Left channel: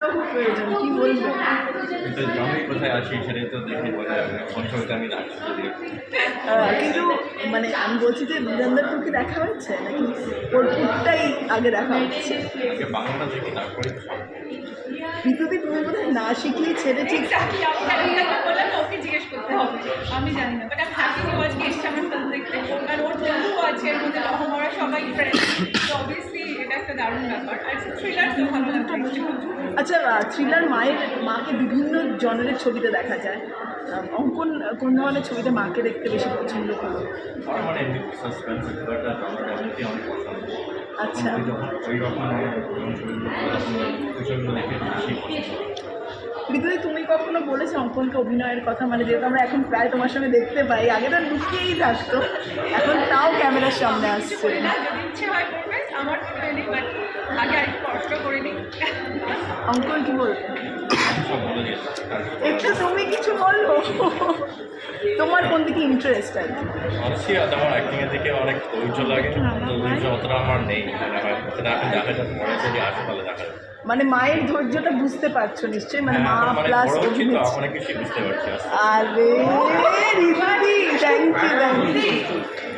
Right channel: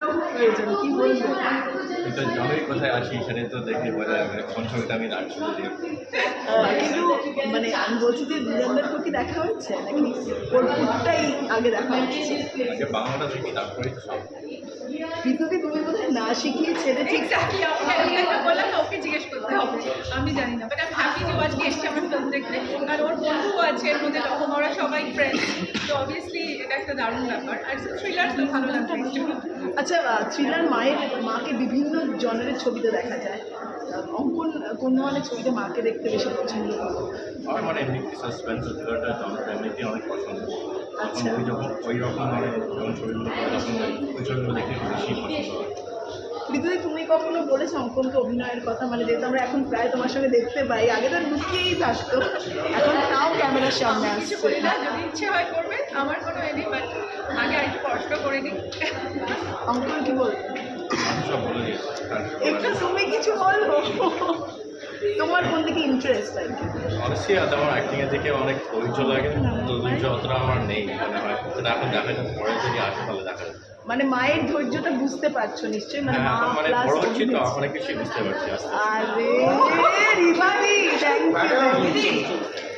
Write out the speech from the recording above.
কি বলবো? কিন্তু জমি কোথায় আছি সেটাই তো দেখে বোঝা যাবে কোন ছবিটা আমি রাখছি যদিও। কিন্তু মানে আমি বলছি যে দুজনদেরকে কি দেখা হচ্ছে নাকি ওর পুরটাই আগে দেখা হচ্ছে? আগে বাংলাটা দেখি তারপরেই তো সব। পৃথিবী তুমি বোধহয় না শিখিয়ে ছেড়ে ঠিক এক্স্যাক্টলি আমি বললাম না ওকে জিজ্ঞেস করতে হবে, আমি জানি না, বাট আমি হ্যাপি যে ও আজকে এসছে আমার ফিল্ম দেখতে, কারণ ওর বন্ধু আছে এর মধ্যে লহমারা সবাই ফ্রেন্ড, তো অবভিয়াসলি এটা একটা দারুণ ব্যাপার। আর থ্রিলার তো ভালো লাগছে। আচ্ছা, থ্রিলার মাকে বিভিন্ন জনের ছবিতে দেখা যায়। অঙ্কন কোন ধরনের ছবিতে মাকে দেখতে বেশি পছন্দ করো? আমার মানে এমনি সাসপেন্স থ্রিলারটা জনরা এমনিতেই অনেক পছন্দ। আচ্ছা। ওই যখন ওই রকম যখন ছবিগুলো করে তখন ওই ছবিগুলো দেখে বেশি পছন্দ। পৃথিবী তুমি কখনো বলেছো অঙ্কনকে অভিনয়ের কথা? মানে যেহেতু আমরা এখন প্রায় তোমার সঙ্গে দেখতে পাই, আগে তো লুকিয়েই থাকতো, এখন তাও ক্যামেরার সামনে কিছু আসছে। করি না, যদি ইচ্ছে হয় করবে, আমার কোনো এ নেই, বাট আগে আরেকটু পড়াশোনা করে নিই। অঙ্কন কি বলবো? আমি সব বলে দিয়েছি আর কি বলার একটু তুমি কিছু বলবো, তোমার কোন দিকে ইন্টারেস্ট আর কি? অনেস্টলি আমার অ্যাক্টিংয়ের দিকে অনেক ধৈর্য লাগে, তো ধৈর্য অতটা আমার নেই, মানে আমার সেটা এখন দেখা যাচ্ছে, পরে যদি আসে তাহলে দেখা যাবে। মানে মায়ের ধৈর্যটা বুঝতে পারছো নিশ্চয়ই, মানে হ্যাঁ, মা এখন মানে প্লাস বড় হচ্ছি তো অনেক কিছু বুঝতে পারছি আস্তে আস্তে। আরে রিভারি, থ্যাংক ইউ।